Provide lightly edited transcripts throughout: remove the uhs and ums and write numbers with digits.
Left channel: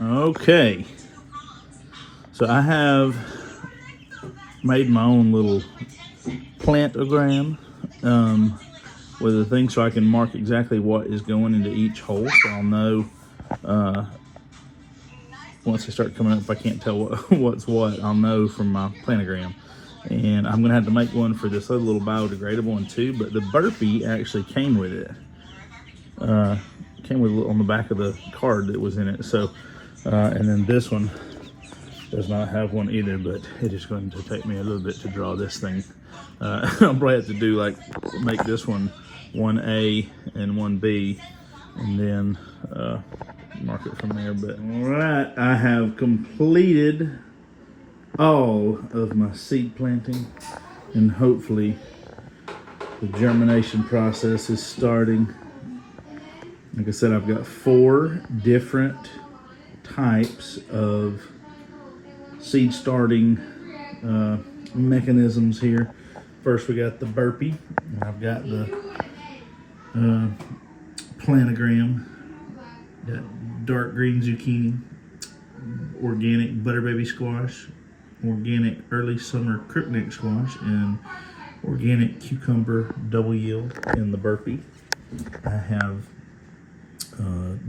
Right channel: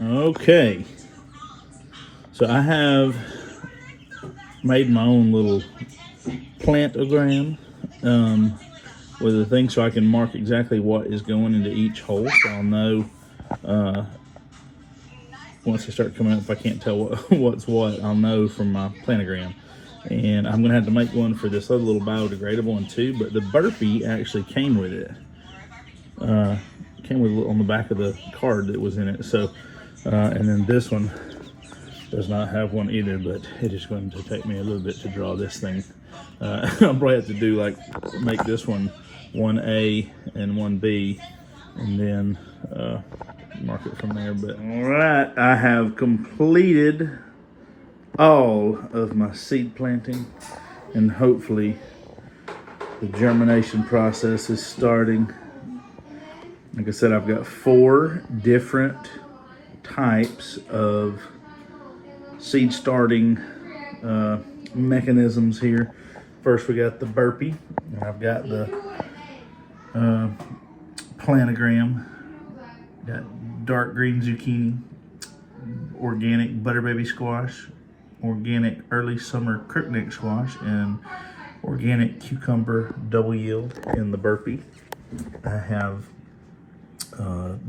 Okay, so I have made my own little plantogram with a thing so I can mark exactly what is going into each hole, so I'll know once they start coming up. If I can't tell what's what, I'll know from my planogram. And I'm gonna have to make one for this other little biodegradable one too, but the burpee actually came with it. Came with it on the back of the card that was in it. So, and then this one does not have one either, but it is going to take me a little bit to draw this thing. I'll probably have to do make this one 1A and 1B, and then mark it from there. But all right, I have completed all of my seed planting, and hopefully the germination process is starting. Like I said, I've got 4 different types of seed starting mechanisms here. First, we got the burpee, and I've got the planogram. Got dark green zucchini, organic butter baby squash, organic early summer crookneck squash, and organic cucumber double yield in the burpee. I have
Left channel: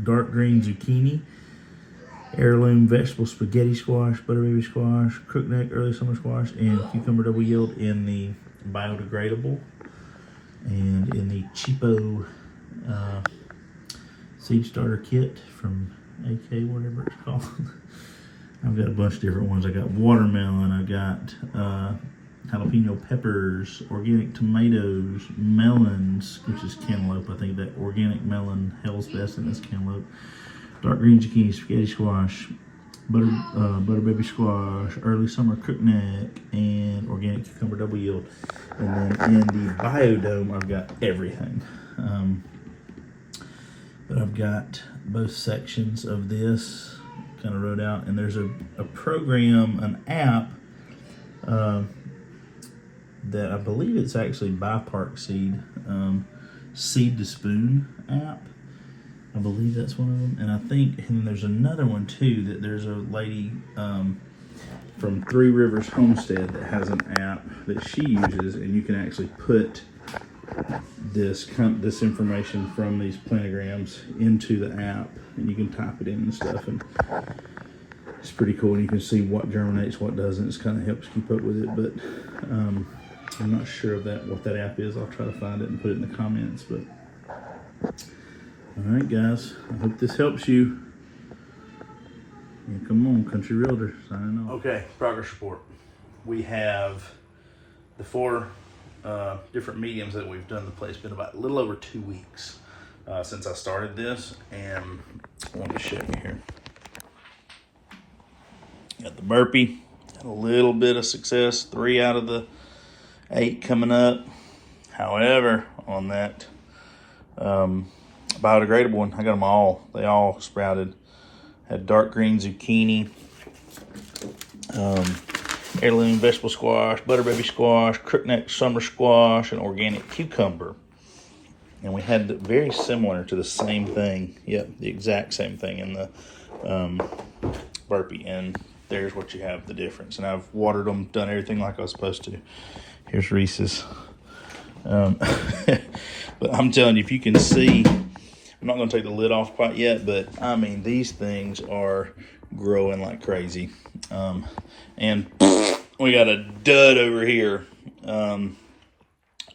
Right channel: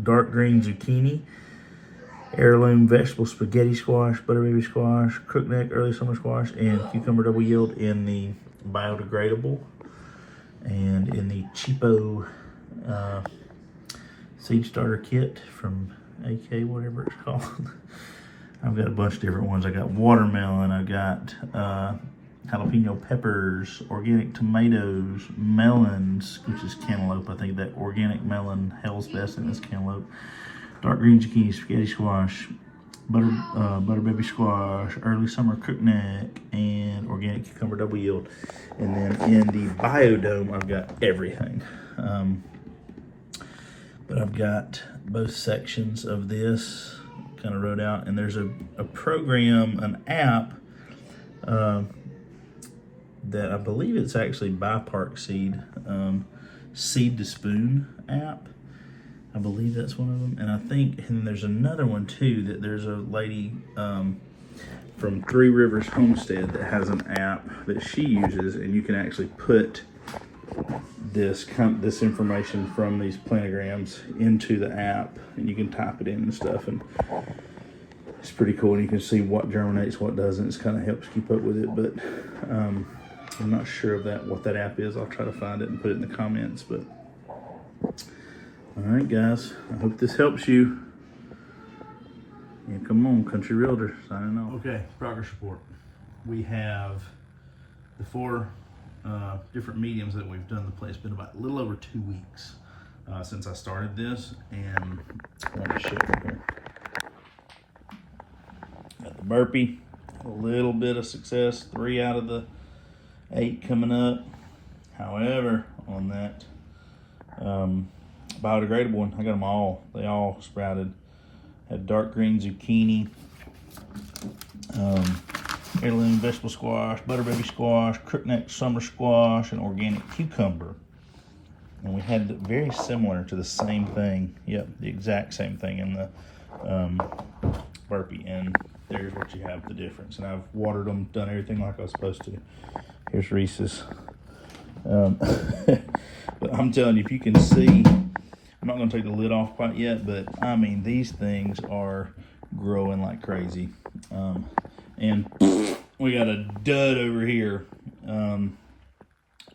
dark green zucchini, heirloom vegetable spaghetti squash, butter baby squash, crookneck early summer squash, and cucumber double yield in the biodegradable. And in the cheapo seed starter kit from AK, whatever it's called. I've got a bunch of different ones. I got watermelon, I got jalapeno peppers, organic tomatoes, melons, which is cantaloupe. I think that organic melon, hell's best, and it's cantaloupe. Dark green zucchini, spaghetti squash, butter baby squash, early summer crookneck, and organic cucumber double yield. And then in the biodome, I've got everything. But I've got both sections of this kind of wrote out, and there's a program, an app, that I believe it's actually by Park Seed, Seed to Spoon app. I believe that's one of them. And I think, and there's another one too, that there's a lady from Three Rivers Homestead that has an app that she uses, and you can actually put this information from these planograms into the app, and you can type it in and stuff, and it's pretty cool. And you can see what germinates, what doesn't. It kind of helps keep up with it, but I'm not sure of what that app is. I'll try to find it and put it in the comments. But all right, guys, I hope this helps you. Yeah, come on, Country Realtor, signing off. Okay, progress report. We have the 4 different mediums that we've done the place. It's been about a little over 2 weeks since I started this, and let me show you here. Got the burpee, got a little bit of success, 3 out of the 8 coming up. However, on that biodegradable one, I got them all. They all sprouted. Had dark green zucchini, heirloom vegetable squash, butter baby squash, crookneck summer squash, and organic cucumber. And we had very similar to the same thing. Yep, the exact same thing in the burpee. And there's what you have, the difference. And I've watered them, done everything like I was supposed to. Here's Reese's. But I'm telling you, if you can see, I'm not going to take the lid off quite yet, but I mean, these things are growing like crazy. And we got a dud over here.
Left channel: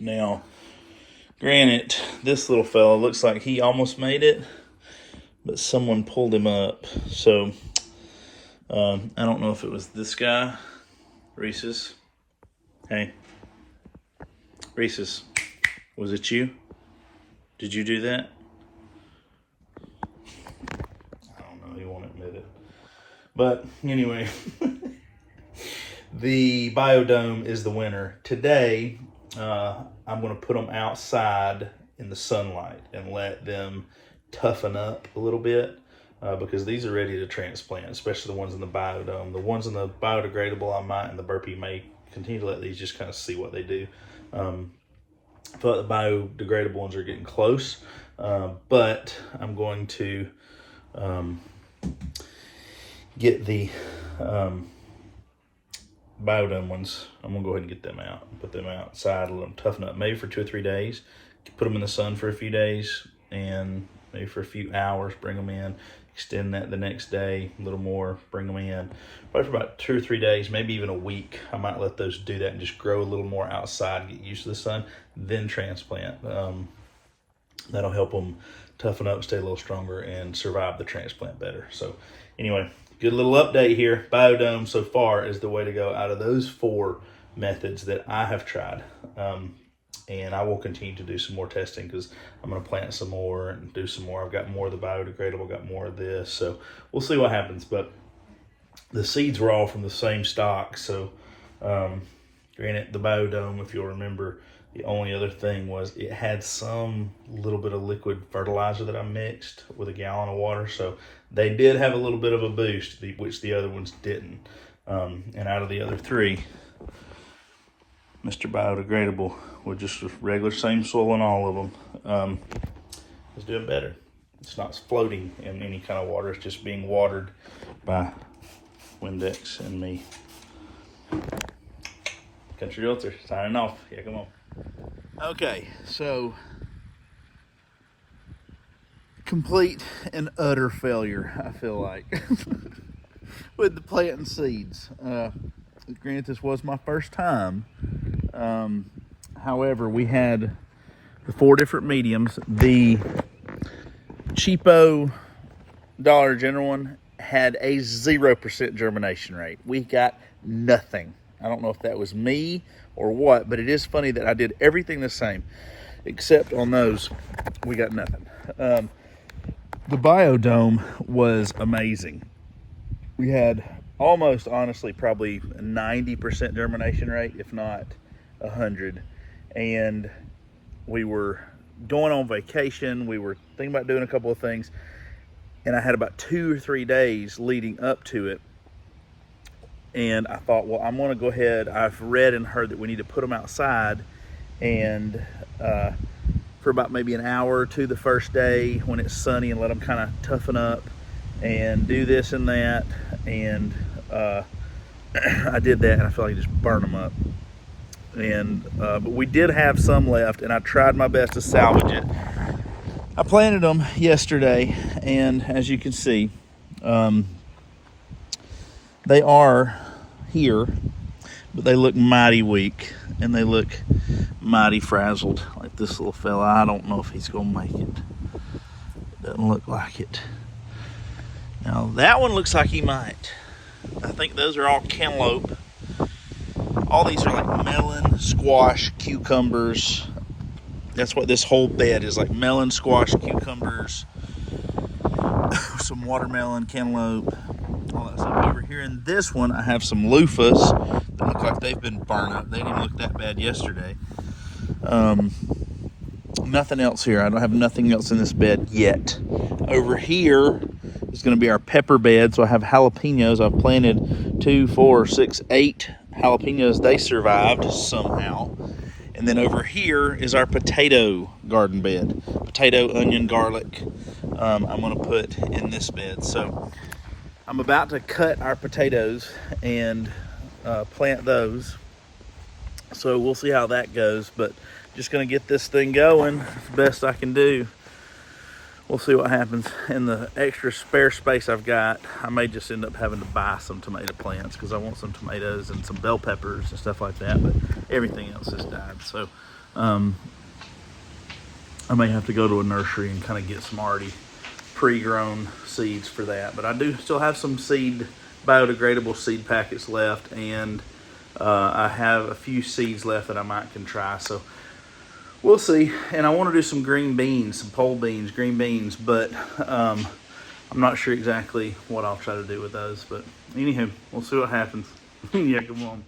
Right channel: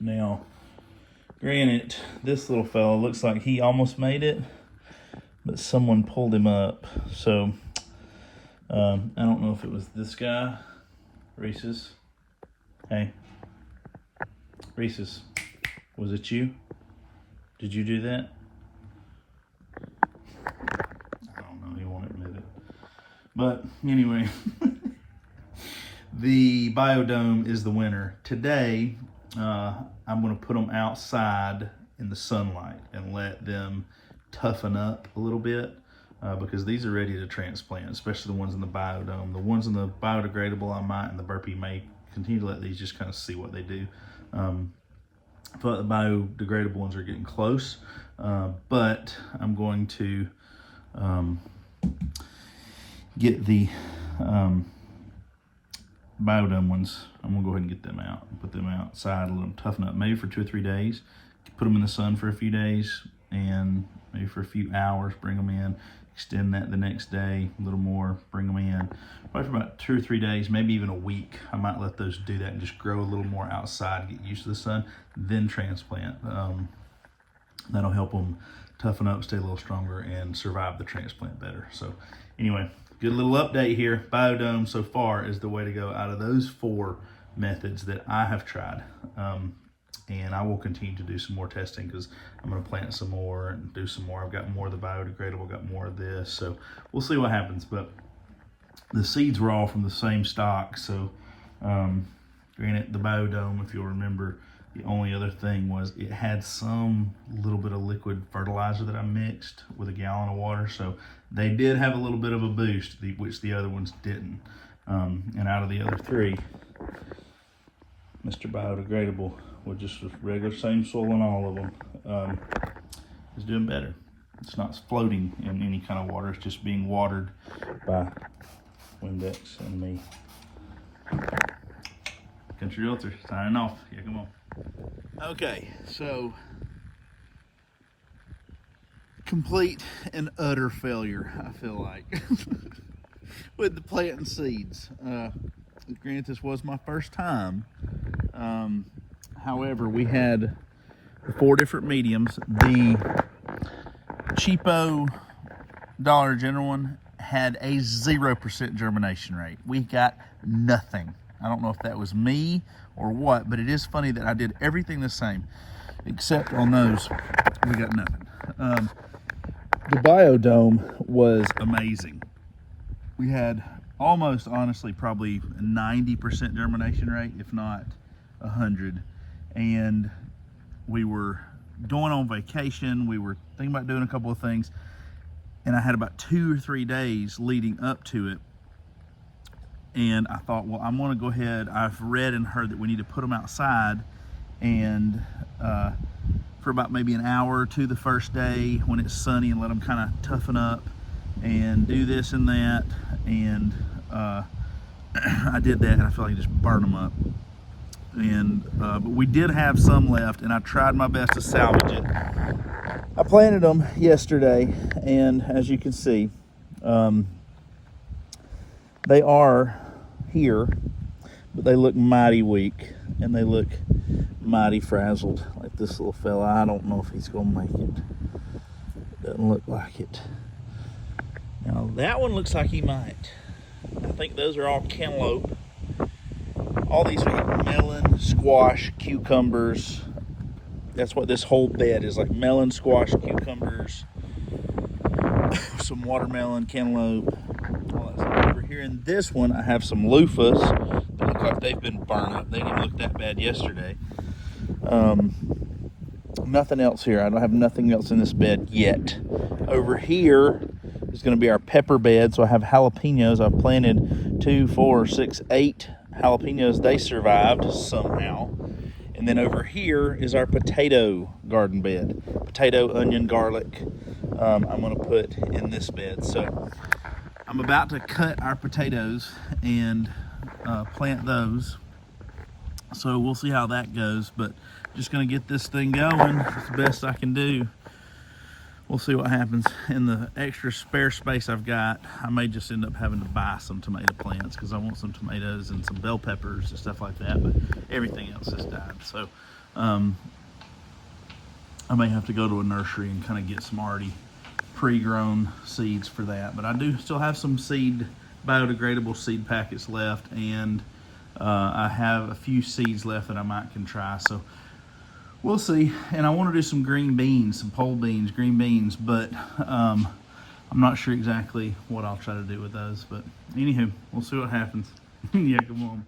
Now, granted, this little fella looks like he almost made it, but someone pulled him up. So, I don't know if it was this guy, Reese's. Hey, Reese's, was it you? Did you do that? I don't know, he won't admit it. But anyway, the biodome is the winner. Today, I'm going to put them outside in the sunlight and let them toughen up a little bit because these are ready to transplant, especially the ones in the biodome. The ones in the biodegradable, I might, and the burpee may continue to let these just kind of see what they do. I feel like the biodegradable ones are getting close, but I'm going to get the biodome ones. I'm gonna go ahead and get them out and put them outside, let them toughen up, maybe for 2 or 3 days. Put them in the sun for a few days, and maybe for a few hours, bring them in, extend that the next day, a little more, bring them in. Probably for about 2 or 3 days, maybe even a week. I might let those do that and just grow a little more outside and get used to the sun, then transplant. That'll help them toughen up, stay a little stronger, and survive the transplant better. So anyway, good little update here. Biodome so far is the way to go out of those 4 methods that I have tried. And I will continue to do some more testing, because I'm going to plant some more and do some more. I've got more of the biodegradable, got more of this. So we'll see what happens. But the seeds were all from the same stock. So granted, the biodome, if you'll remember, the only other thing was it had some little bit of liquid fertilizer that I mixed with a gallon of water. So they did have a little bit of a boost, which the other ones didn't. And out of the other 3, Mr. Biodegradable, with just regular same soil in all of them, is doing better. It's not floating in any kind of water. It's just being watered by Windex and me. Country Realtor signing off. Yeah, come on. Okay, so complete and utter failure, I feel like, with the planting seeds. Granted, this was my first time. However, we had 4 different mediums. The cheapo Dollar General one had a 0% germination rate. We got nothing. I don't know if that was me or what, but it is funny that I did everything the same, except on those, we got nothing. The biodome was amazing. We had almost, honestly, probably a 90% germination rate, if not 100. And we were going on vacation. We were thinking about doing a couple of things, and I had about 2 or 3 days leading up to it. And I thought, well, I'm gonna go ahead. I've read and heard that we need to put them outside, and for about maybe an hour or 2 the first day when it's sunny, and let them kind of toughen up and do this and that. And I did that, and I felt like just burn them up. And but we did have some left, and I tried my best to salvage it. I planted them yesterday, and as you can see, they are here, but they look mighty weak, and they look mighty frazzled. Like this little fella, I don't know if he's gonna make it. Doesn't look like it. Now that one looks like he might. I think those are all cantaloupe. All these are like melon, squash, cucumbers. That's what this whole bed is, like melon, squash, cucumbers, some watermelon, cantaloupe, all that stuff. Over here in this one, I have some loofahs that look like they've been burned up. They didn't look that bad yesterday. Nothing else here. I don't have nothing else in this bed yet. Over here is going to be our pepper bed. So I have jalapenos. I've planted 2, 4, 6, 8 jalapenos. They survived somehow. And then over here is our potato garden bed. Potato, onion, garlic, I'm going to put in this bed. So I'm about to cut our potatoes and plant those. So we'll see how that goes, but just going to get this thing going as best I can do. We'll see what happens. In the extra spare space I've got, I may just end up having to buy some tomato plants, because I want some tomatoes and some bell peppers and stuff like that, but everything else has died. So I may have to go to a nursery and kind of get some already pre-grown seeds for that. But I do still have some biodegradable seed packets left, and I have a few seeds left that I might can try. So we'll see. And I want to do some green beans, some pole beans, green beans, but I'm not sure exactly what I'll try to do with those. But anywho, we'll see what happens. Yeah, come on.